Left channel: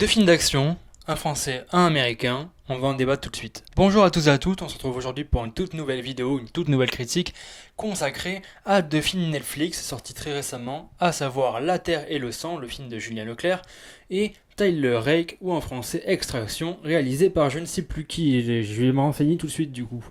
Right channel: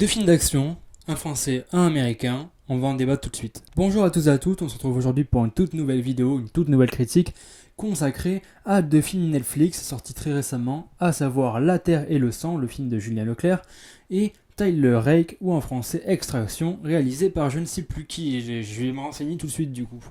Deux films d'action, un français, un américain, on va en débattre tout de suite. Bonjour à tous et à toutes, on se retrouve aujourd'hui pour une toute nouvelle vidéo, une toute nouvelle critique consacrée à deux films Netflix sortis très récemment, à savoir La Terre et le Sang, le film de Julien Leclerc, et Tyler Rake, ou en français Extraction, réalisé par je ne sais plus qui, et je vais me renseigner tout de suite du coup.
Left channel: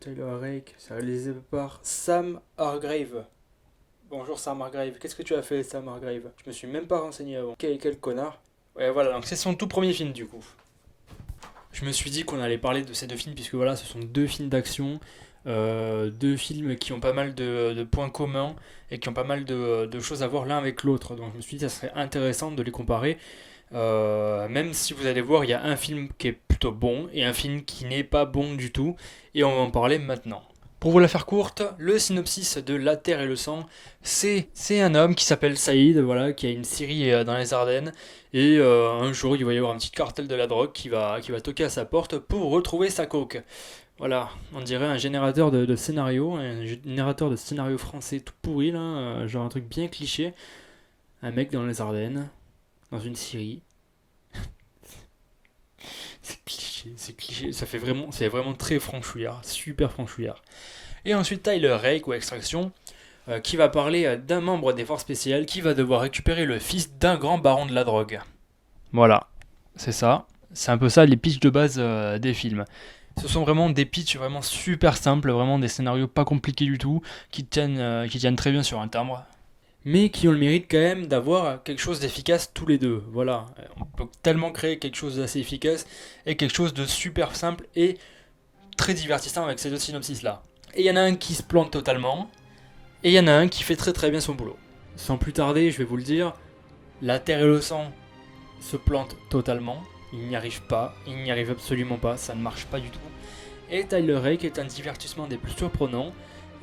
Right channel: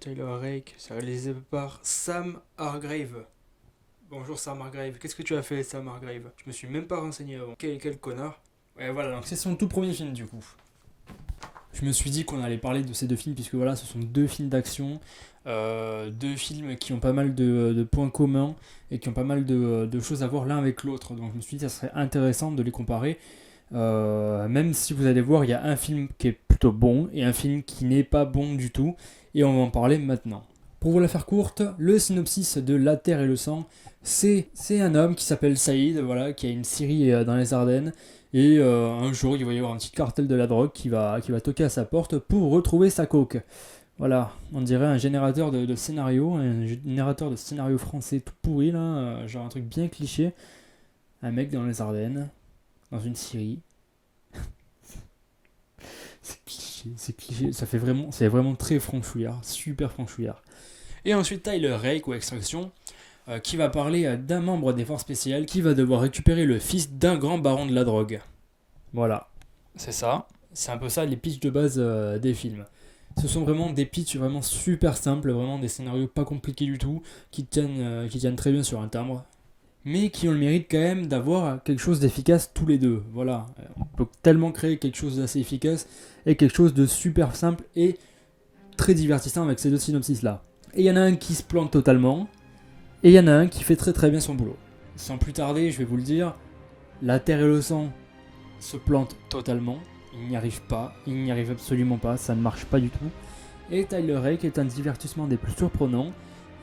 Tyler Rake, c'est réalisé par Sam Hargrave. Bonjour Sam Hargrave, qu'est-ce que tu as fait Sam Hargrave? Je me suis même pas renseigné avant. Quel connard. Ouais voilà, donc c'est son tout premier film du coup. Je me suis dit qu'on allait parler de ces deux films puisque voilà, ce sont deux films d'action, deux films qui ont pas mal de points communs et qui ont pas mal de choses à voir l'un avec l'autre. Donc je me suis dit que ça serait intéressant de les comparer. Même si vous allez voir, il y a un film qui est plutôt bon et un film qui n'est pas bon du tout. Et on va en parler maintenant. Pour vous la faire courte, le synopsis de La Terre et le Sang, c'est un homme qui s'appelle Saïd, voilà, qui a une scierie dans les Ardennes. Et un jour, il va y avoir un petit cartel de la drogue qui va toquer à sa porte pour retrouver sa coke. Voilà, on dirait un générateur de scénario, un générateur de scénario français tout pourri, là, genre un truc bien cliché. Un mec dans les Ardennes, dans une scierie. C'est cliché, c'est vraiment très franchouillard, super franchouillard. Et ensuite Tyler Rake ou Extraction, qui va parler d'un membre des forces spéciales qui va devoir récupérer le fils d'un grand baron de la drogue. Voilà, c'est ça. C'est un peu ça les pitchs de base des films. Ce sont vraiment des pitchs vraiment super simples, vraiment des scénarios pas compliqués du tout, qui tiennent très bien sur un timbre, mais qui ont le mérite quand même d'avoir quelque chose d'efficace tous les deux. Voilà, on peut tellement créer quelque chose d'assez efficace et quelque chose de super simple et très divertissant avec ces deux synopsis-là. Et il y en a un qui se plante totalement, et il y en a un qui fait très très bien son boulot. Sans plus tarder, je vais vous le dire, La Terre et le Sang se plante totalement, il n'y arrive pas, il n'y arrive absolument pas, ça ne marche pas du tout. Et Tyler Rake est un divertissement des plus surprenants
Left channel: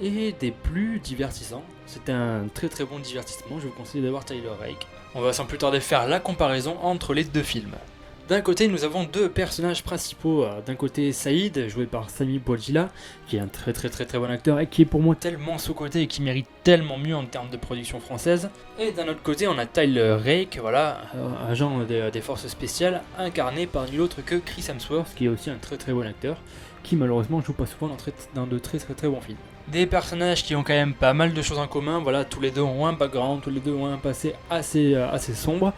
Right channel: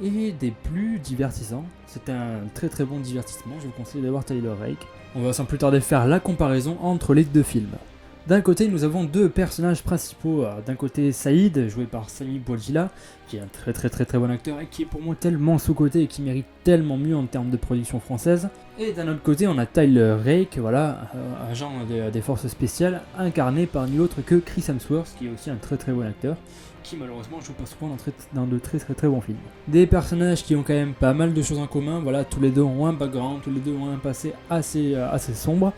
et des plus divertissants. C'est un très très bon divertissement, je vous conseille d'avoir Tyler Rake. On va sans plus tarder faire la comparaison entre les deux films. D'un côté, nous avons deux personnages principaux. D'un côté, Saïd, joué par Sami Bouadjila, qui est un très très très très bon acteur et qui est pour moi tellement sous-coté et qui mérite tellement mieux en termes de production française. Et d'un autre côté, on a Tyler Rake, voilà, agent des forces spéciales, incarné par nul autre que Chris Hemsworth, qui est aussi un très très bon acteur, qui malheureusement joue pas souvent dans de très très très bons films. Des personnages qui ont quand même pas mal de choses en commun, voilà, tous les deux ont un background, tous les deux ont un passé assez sombre.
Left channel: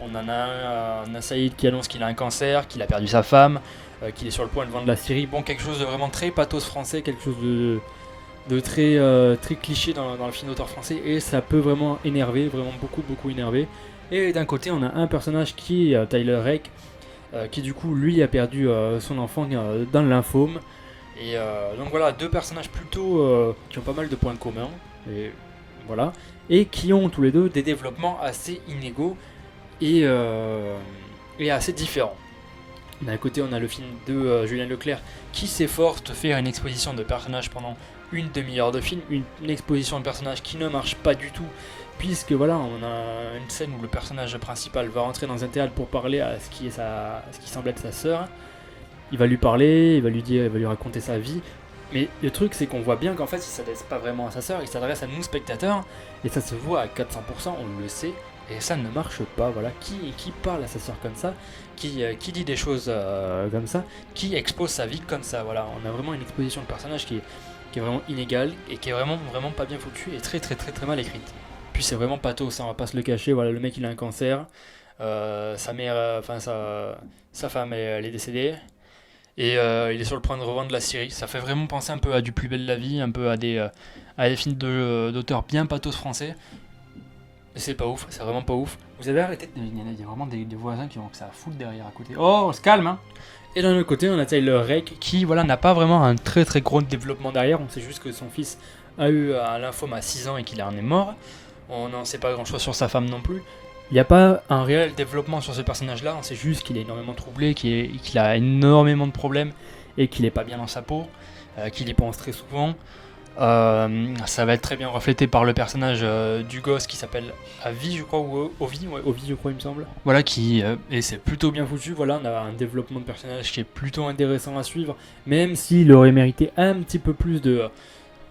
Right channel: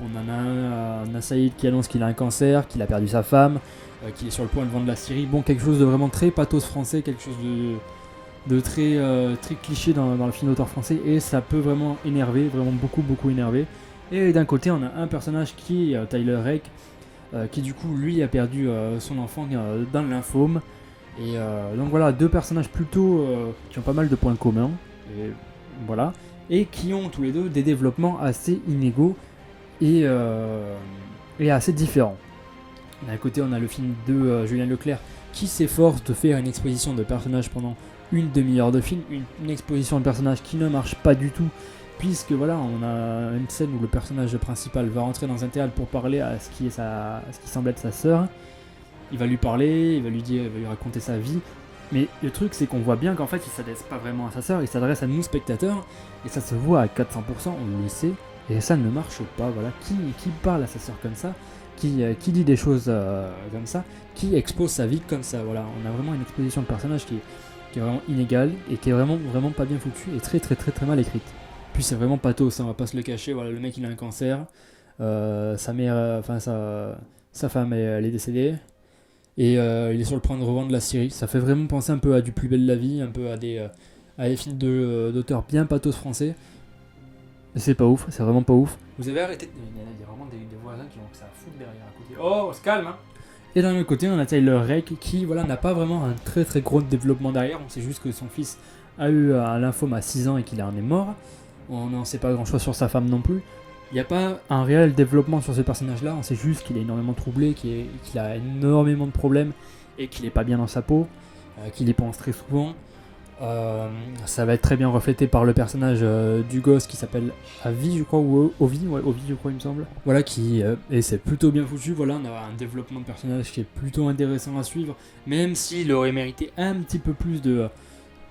On en a on a Saïd qui annonce qu'il a un cancer, qu'il a perdu sa femme, qu'il est sur le point de vendre la Syrie. Bon, quelque chose de vraiment très pathos français, quelque chose de très, très cliché dans le film d'auteur français. Et ça peut vraiment énerver, vraiment beaucoup énerver. Et d'un côté, on a un personnage qui est Tyler Rake, qui du coup, lui, a perdu son enfant dans le lymphome. Et donc voilà, deux personnages plutôt qui ont pas mal de points communs. Et voilà. Et qui ont tous les deux des développements assez inégaux et assez différent. D'un côté, on a le film de Julien Leclerc qui s'efforce de faire une exposition de personnages pendant une demi-heure de film, une exposition de personnages qui ne marche pas du tout, puisque voilà, on a une scène où le personnage principal va rentrer dans un théâtre pour parler à ce qui semble être sa sœur. Il va lui parler, il va lui raconter sa vie. Mais le truc, c'est qu'on voit bien qu'en fait, il s'adresse pas vraiment à sa sœur, il s'adresse à nous spectateurs, et ça se voit à 400%, on le sait. Et ça ne marche pas, voilà. Qui parle à sa sœur comme ça, qui dit des choses comme ça, qui expose sa vie comme ça, voilà. On a vraiment une exposition de personnage qui est vraiment inégale et qui est vraiment pas bien foutue et très très très très mal écrite. Puis c'est vraiment pathos, on va pas se le cacher, voilà, le mec il a un cancer, sa mère, sa femme elle est décédée, et il est sur le point de revendre la Syrie. Ça fait vraiment penser un peu à Du Plus Belle la Vie, un peu à des films d'auteurs bien pathos français. Mais c'est pas ouf, c'est vraiment pas ouf. Vous avez arrêté de... Il y a vraiment des voisins qui ont que ça à foutre derrière à côté. Oh, on se calme, hein. Et d'un autre côté, on a Tyler Rake qui, voilà, n'a pas vraiment un très très gros développement derrière. On sait juste que son fils a eu un lymphome à 6 ans et qu'il en est mort. On n'en sait pas grand chose sur sa femme non plus. Il n'y a pas un réel développement sur ce personnage-là. On sait juste qu'il est énormément troublé, qu'il a énormément de problèmes et qu'il est pas bien dans sa peau, qu'il y pense très souvent. Ça va être très bien reflété par le personnage du gosse qui s'appelle Avi, je crois, ou Ovi, ouais, Ovi, je crois, il me semble. Voilà, et c'est plutôt bien foutu. Voilà, on a un développement de personnage qui est plutôt intéressant à suivre, même s'il aurait mérité un petit peu plus de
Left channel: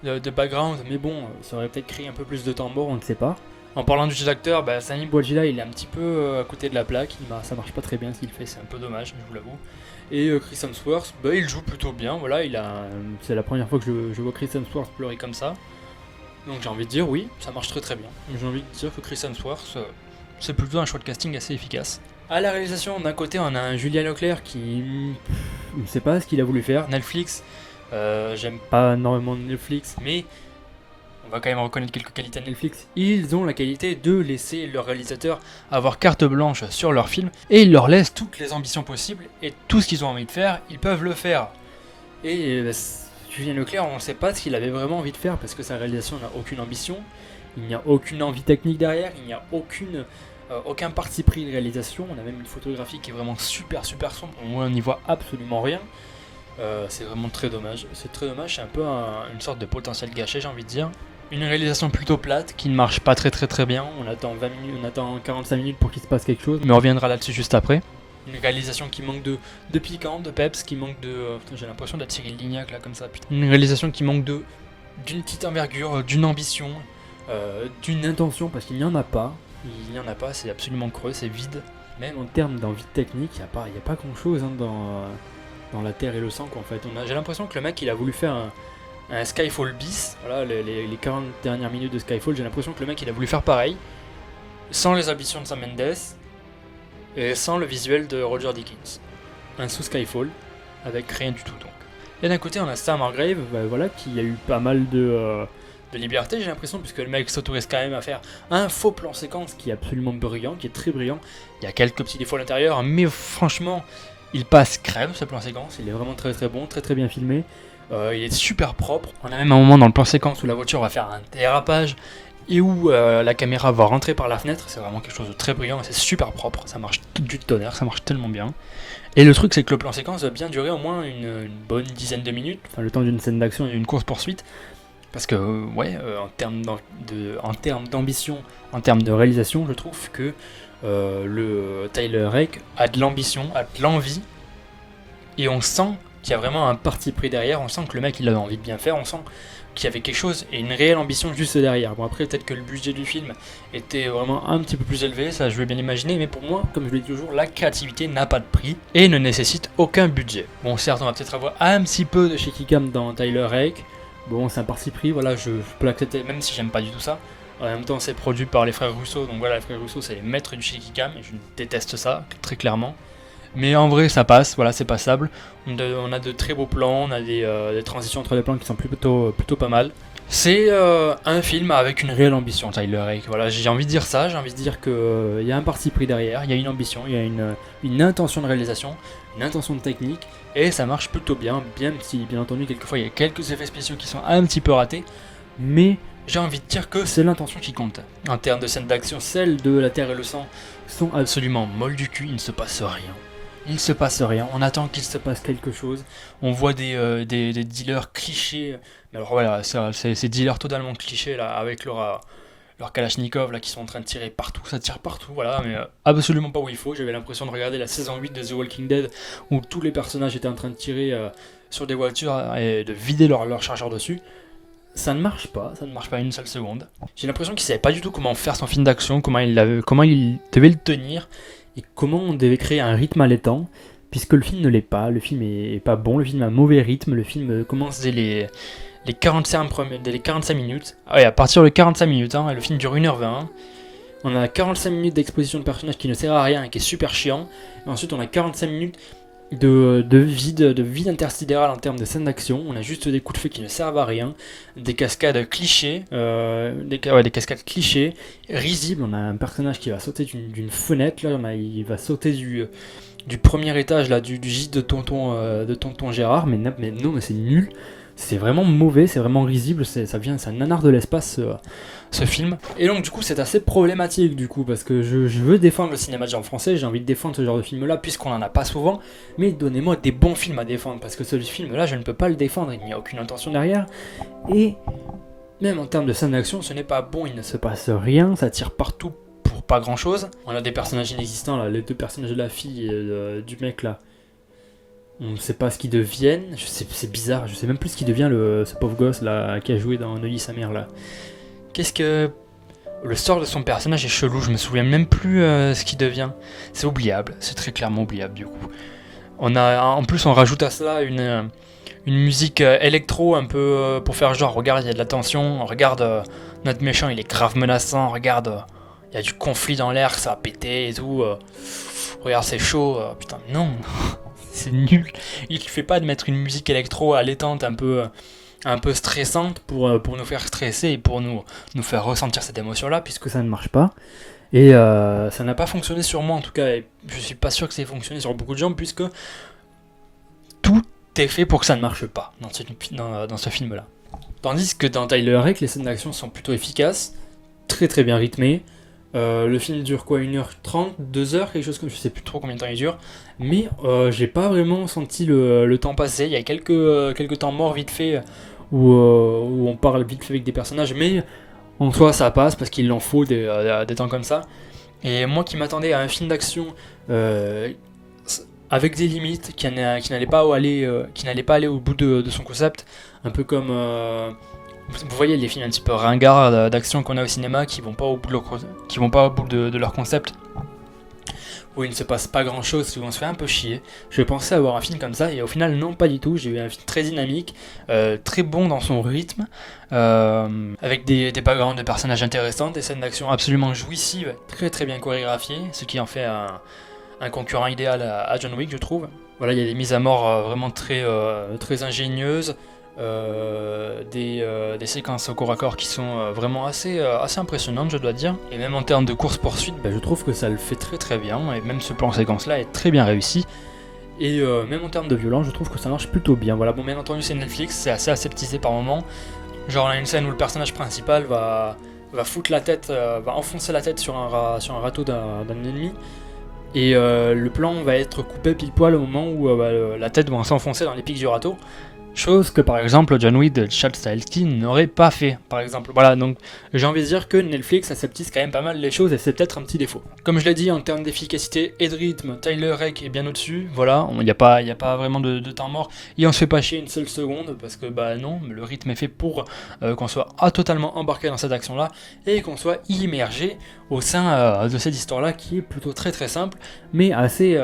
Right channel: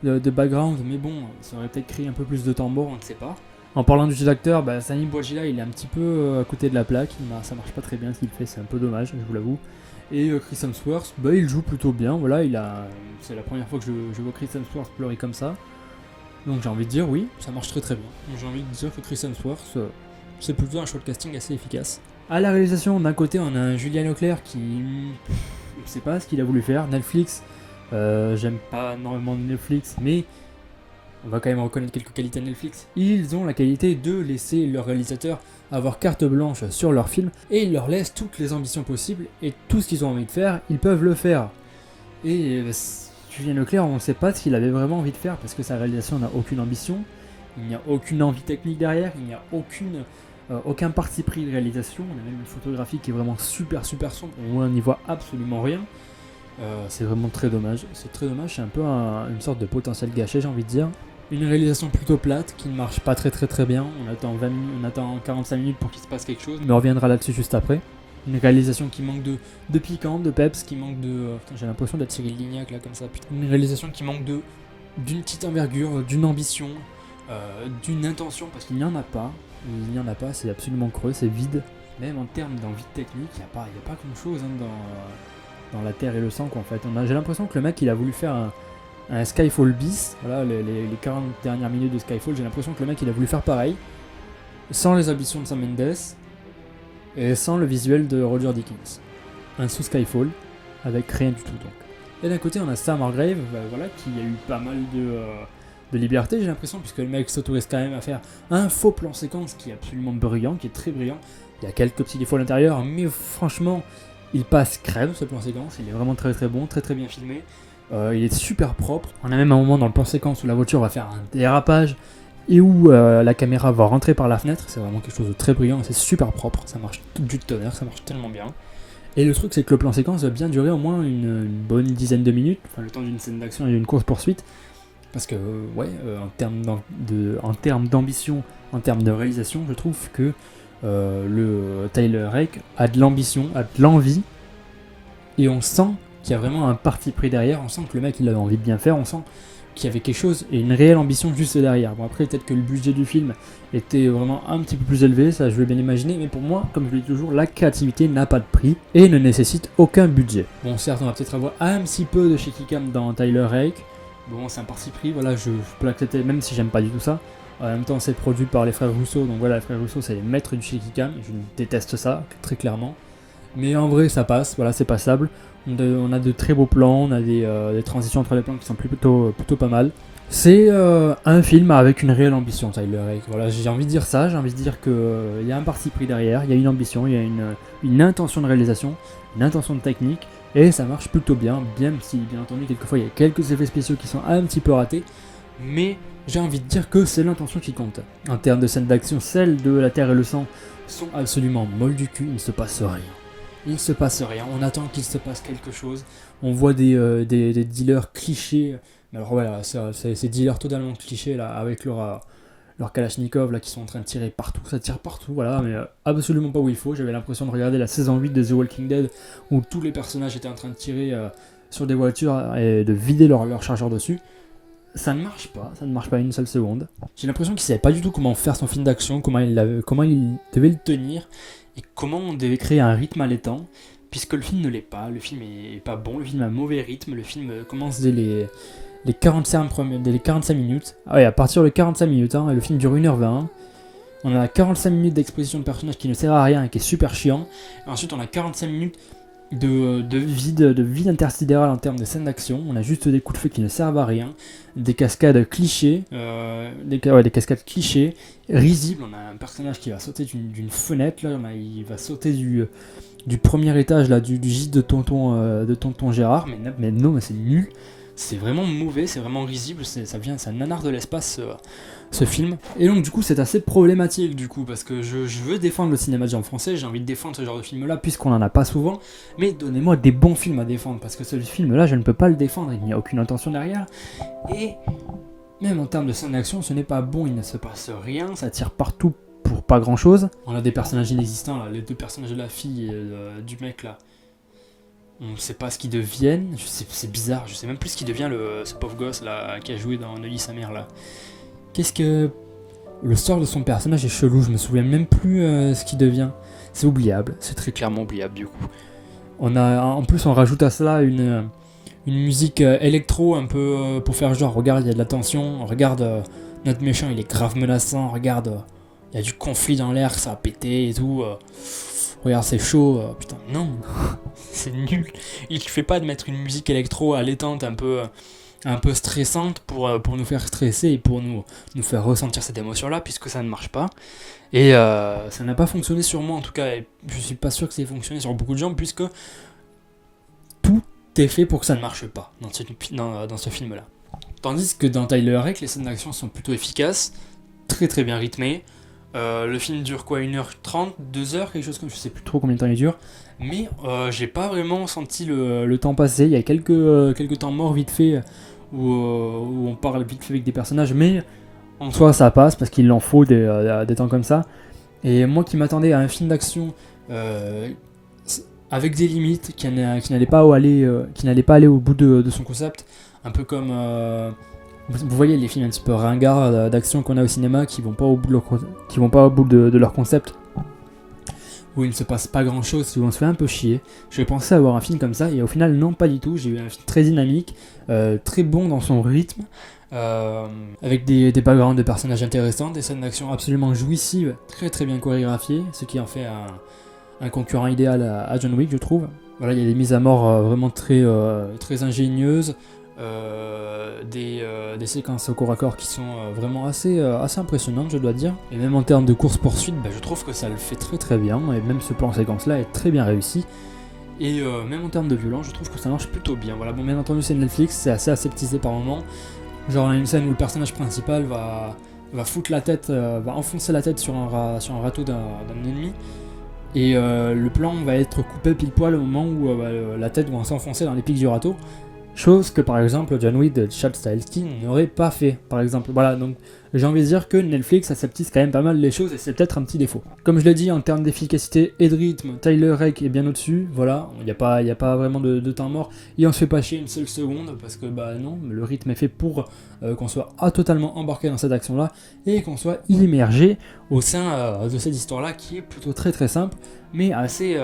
background. Mais bon, ça aurait peut-être créé un peu plus de temps mort, on ne sait pas. En parlant du jeu d'acteur, Sami Bouajila, il est un petit peu à côté de la plaque. Ça marche pas très bien ce qu'il fait, c'est un peu dommage, je vous l'avoue. Et Chris Hemsworth, il joue plutôt bien. Voilà, c'est la première fois que je vois Chris Hemsworth pleurer comme ça. Donc j'ai envie de dire oui, ça marche très très bien. J'ai envie de dire que Chris Hemsworth, c'est plutôt un choix de casting assez efficace. À la réalisation, d'un côté, on a un Julien Leclerc qui ne sait pas ce qu'il a voulu faire. Netflix, j'aime pas énormément Netflix, mais on va quand même reconnaître quelques qualités à Netflix. Ils ont la qualité de laisser leurs réalisateurs avoir carte blanche sur leurs films et ils leur laissent toutes les ambitions possibles et tout ce qu'ils ont envie de faire, ils peuvent le faire. Et Julien Leclerc, on ne sait pas ce qu'il avait vraiment envie de faire parce que sa réalisation n'a aucune ambition, il n'y a aucune envie technique derrière, il n'y a aucun parti pris de réalisation. On a même une photographie qui est vraiment super sombre, on n'y voit absolument rien. C'est vraiment très dommage. C'est très dommage, c'est un peu une sorte de potentiel gâché, j'ai envie de dire. Une réalisation plutôt plate qui ne marche pas très bien. On attend 20 minutes, on attend 45 minutes pour qu'il se passe quelque chose, mais on reviendra là-dessus juste après. Une réalisation qui manque de piquant, de peps, qui manque de. J'ai l'impression d'être Cyril Lignac là comme ça. Putain. Une réalisation qui manque d'une petite envergure, d'une ambition, d'une intention, parce qu'il n'y en a pas. Il n'y en a pas, c'est absolument creux, c'est vide. Même en termes d'envie technique, il n'y a pas grand chose dans la terre et le sang quoi, en fait. J'ai l'impression que le mec il a voulu faire un Skyfall bis, voilà, les 40 dernières minutes de Skyfall, j'ai l'impression que le mec il a voulu faire pareil, sans les ambitions de Sam Mendes et sans le visuel de Roger Deakins. Un sous Skyfall avec rien du tout donc. Et d'un côté on a Sam Hargrave, voilà, qui a eu pas mal de liberté, j'ai l'impression, puisque le mec s'autorise quand même à faire un faux plan séquence qui est absolument brillant, qui est très brillant. Il y a quelques petits défauts à l'intérieur, mais franchement, il passe crève ce plan séquence. Il est vraiment très bon, très bien filmé. Il est super propre. On a même un moment dans le plan séquence où la voiture va faire un dérapage et où la caméra va rentrer par la fenêtre. C'est vraiment quelque chose de très brillant et c'est super propre. Ça marche du tonnerre, ça marche tellement bien. Et le truc, c'est que le plan séquence va bien durer au moins une bonne dizaine de minutes, enfin le temps d'une scène d'action et d'une course-poursuite. Parce que, en termes d'ambition, en termes de réalisation, je trouve que le Tyler Rake a de l'ambition, a de l'envie, et on sent qu'il y a vraiment un parti pris derrière, on sent que le mec il avait envie de bien faire, on sent qu'il y avait quelque chose et une réelle ambition juste derrière. Bon après peut-être que le budget du film était vraiment un petit peu plus élevé, ça je vais bien imaginer, mais pour moi, comme je le dis toujours, la créativité n'a pas de prix et ne nécessite aucun budget. Bon certes on va peut-être avoir un petit peu de shaky cam dans Tyler Rake, bon c'est un parti pris, voilà, je peux l'accepter même si j'aime pas du tout ça. En même temps c'est produit par les frères Russo, donc voilà, les frères Russo c'est les maîtres du shaky cam et je déteste ça très clairement. Mais en vrai ça passe, voilà, c'est passable. On a de très beaux plans, on a des transitions entre les plans qui sont plutôt pas mal. C'est un film avec une réelle ambition, Tyler Rake. Voilà, j'ai envie de dire ça, j'ai envie de dire qu'il y a un parti pris derrière, il y a une ambition, il y a une intention de réalisation, une intention de technique, et ça marche plutôt bien, bien si bien entendu quelquefois il y a quelques effets spéciaux qui sont un petit peu ratés, mais j'ai envie de dire que c'est l'intention qui compte. En termes de scènes d'action, celles de La Terre et le Sang sont absolument molles du cul, il ne se passe rien. Il ne se passe rien, on attend qu'il se passe quelque chose. On voit des dealers clichés. Mais alors voilà, c'est ces dealers totalement clichés là, avec leur Kalachnikov là, qui sont en train de tirer partout. Ça tire partout, voilà, mais absolument pas où il faut. J'avais l'impression de regarder la saison 8 de The Walking Dead où tous les personnages étaient en train de tirer sur des voitures et de vider leur chargeur dessus. Ça ne marche pas une seule seconde. J'ai l'impression qu'il savait pas du tout comment faire son film d'action, comment il devait le tenir, et comment on devait créer un rythme allaitant, puisque le film ne l'est pas, le film est pas bon, le film a un mauvais rythme, le film commence dès les 45 minutes. Ah ouais, à partir de 45 minutes, hein, le film dure 1h20. On a 45 minutes d'exposition de personnages qui ne sert à rien et qui est super chiant. Et ensuite, on a 45 minutes de vide intersidéral en termes de scènes d'action. On a juste des coups de feu qui ne servent à rien, des cascades clichés, des cascades clichés, risibles. On a un personnage qui va sauter d'une fenêtre, là, il va sauter du premier étage là, du gîte de tonton Gérard, mais non, mais c'est nul. C'est vraiment mauvais, c'est vraiment risible, c'est un nanar de l'espace ce film. Et donc du coup c'est assez problématique du coup, parce que je veux défendre le cinéma de genre français, j'ai envie de défendre ce genre de film là puisqu'on en a pas souvent, mais donnez-moi des bons films à défendre, parce que ce film là je ne peux pas le défendre, il n'y a aucune intention derrière, et même en termes de scène d'action ce n'est pas bon, il ne se passe rien, ça tire partout pour pas grand chose. On a des personnages inexistants là, les deux personnages de la fille et du mec là. On ne sait pas ce qu'ils deviennent, c'est bizarre, je sais même plus ce qu'il devient ce pauvre gosse là qui a joué dans Neuilly sa mère là. Le sort de son personnage est chelou, je me souviens même plus ce qu'il devient. C'est oubliable, c'est très clairement oubliable du coup. En plus on rajoute à cela une musique électro un peu pour faire genre, regarde il y a de la tension, regarde notre méchant il est grave menaçant, regarde il y a du conflit dans l'air, ça a pété et tout. Regarde c'est chaud, putain non, c'est nul. Il fait pas de mettre une musique électro allaitante un peu stressante pour nous faire stresser et pour nous faire ressentir cette émotion-là, puisque ça ne marche pas. Et ça n'a pas fonctionné sur moi en tout cas, et je suis pas sûr que ça ait fonctionné sur beaucoup de gens, puisque tout est fait pour que ça ne marche pas dans ce film-là. Tandis que dans Tyler Rake, les scènes d'action sont plutôt efficaces, très très bien rythmées. Le film dure quoi, 1h30, 2h, quelque chose comme, je sais plus trop combien de temps il dure, mais j'ai pas vraiment senti le temps passer. Il y a quelques temps morts vite fait où on parle vite fait avec des personnages, mais en soi ça passe parce qu'il en faut des temps comme ça. Et moi qui m'attendais à un film d'action avec des limites, qui n'allait pas aller au bout de son concept, un peu comme vous voyez les films un petit peu ringards d'action qu'on a au cinéma qui vont pas au bout de leur concept, où il ne se passe pas grand chose, où on se fait un peu chier. Je pensais avoir un film comme ça et au final non, pas du tout. J'ai eu un film très dynamique, très bon dans son rythme, avec des backgrounds de personnages intéressants, des scènes d'action absolument jouissives, très très bien chorégraphiées, ce qui en fait un concurrent idéal à John Wick, je trouve. Voilà, il y a des mises à mort vraiment très ingénieuses, des séquences au corps à corps qui sont vraiment assez impressionnantes, je dois dire. Et même en termes de course-poursuite, je trouve que ça le fait très très bien, et même ce plan séquence là est très bien réussi. Et même en termes de violence, je trouve que ça marche plutôt bien. Voilà, bon, bien entendu c'est Netflix, c'est assez aseptisé par moments. Genre on a une scène où le personnage principal va foutre la tête, va enfoncer la tête sur un râteau d'un ennemi. Et le plan va être coupé pile poil au moment où la tête va s'enfoncer dans les pics du râteau. Chose que par exemple John Wick de Chad Stahelski n'aurait pas fait, par exemple. Voilà, donc j'ai envie de dire que Netflix aseptise quand même pas mal les choses et c'est peut-être un petit défaut. Comme je l'ai dit, en termes d'efficacité et de rythme, Tyler Rake est bien au-dessus. Voilà, il n'y a pas vraiment de temps mort et on se fait pas chier une seule seconde parce que non, le rythme est fait pour qu'on soit totalement embarqué dans cette action-là et qu'on soit immergé au sein de cette histoire-là qui est plutôt très très simple mais assez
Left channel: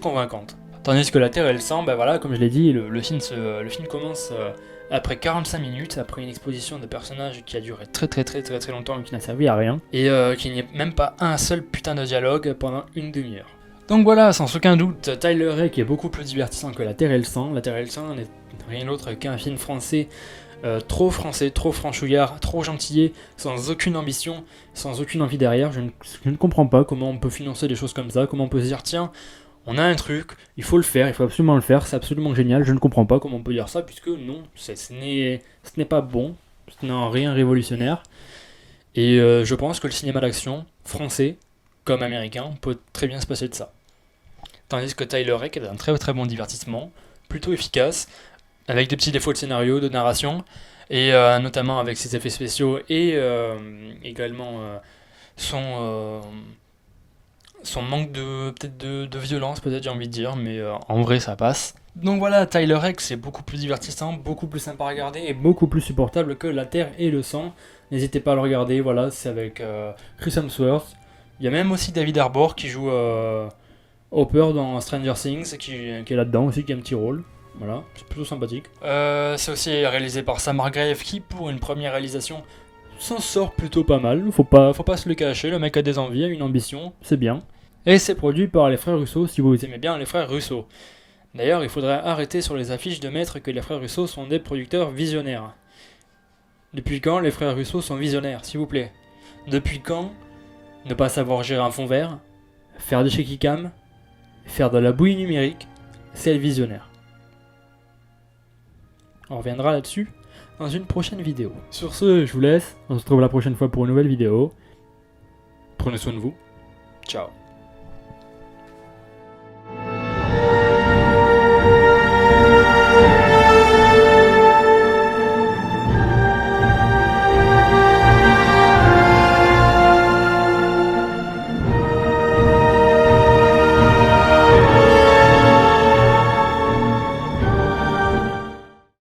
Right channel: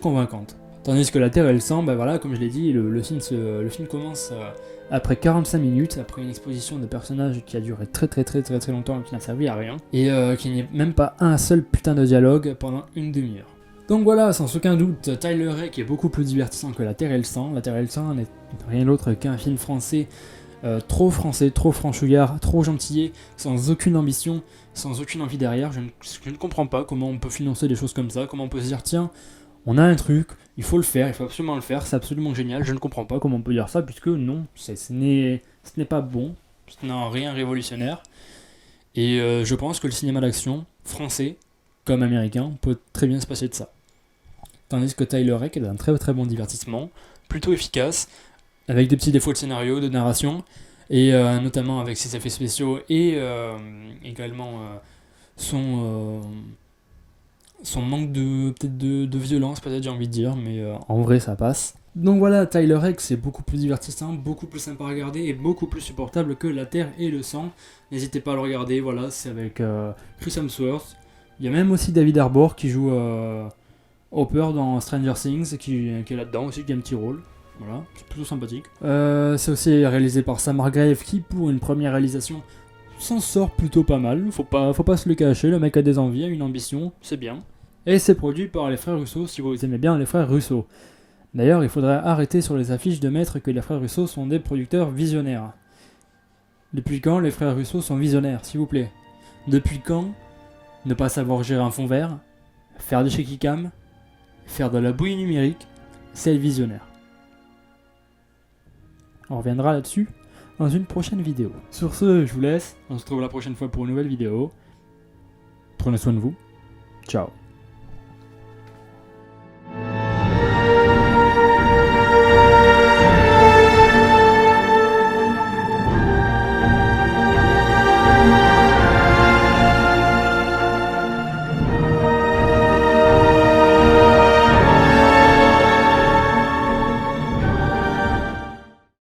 convaincante. Tandis que la Terre et le sang, voilà, comme je l'ai dit, le film commence après 45 minutes, après une exposition de personnages qui a duré très très très très très longtemps et qui n'a servi à rien, et qu'il n'y ait même pas un seul putain de dialogue pendant une demi-heure. Donc voilà, sans aucun doute, Tyler Rake est beaucoup plus divertissant que La Terre et le sang. La Terre et le sang n'est rien d'autre qu'un film français, trop franchouillard, trop gentillet, sans aucune ambition, sans aucune envie derrière. Je ne comprends pas comment on peut financer des choses comme ça, comment on peut se dire tiens, on a un truc, il faut le faire, il faut absolument le faire, c'est absolument génial, je ne comprends pas comment on peut dire ça, puisque non, ce n'est pas bon, ce n'est en rien révolutionnaire, et je pense que le cinéma d'action, français comme américain, peut très bien se passer de ça. Tandis que Tyler Rake est un très très bon divertissement, plutôt efficace, avec des petits défauts de scénario, de narration, et notamment avec ses effets spéciaux, et également son manque de violence, peut-être, j'ai envie de dire, mais en vrai ça passe. Donc voilà, Tyler Rake c'est beaucoup plus divertissant, beaucoup plus sympa à regarder et beaucoup plus supportable que La Terre et le sang. N'hésitez pas à le regarder, voilà, c'est avec Chris Hemsworth. Il y a même aussi David Harbour qui joue Hopper dans Stranger Things, qui est là-dedans aussi, qui a un petit rôle. Voilà, c'est plutôt sympathique. C'est aussi réalisé par Sam Hargrave qui, pour une première réalisation, s'en sort plutôt pas mal. Faut pas se le cacher, le mec a des envies, a une ambition, c'est bien. Et c'est produit par les frères Russo, si vous aimez bien les frères Russo. D'ailleurs, il faudrait arrêter sur les affiches de mettre que les frères Russo sont des producteurs visionnaires. Depuis quand les frères Russo sont visionnaires, s'il vous plaît? Depuis quand ne pas savoir gérer un fond vert, faire des shaky cam, faire de la bouillie numérique, c'est le visionnaire. On reviendra là-dessus dans une prochaine vidéo. Sur ce, je vous laisse, on se retrouve la prochaine fois pour une nouvelle vidéo. Prenez soin de vous, ciao.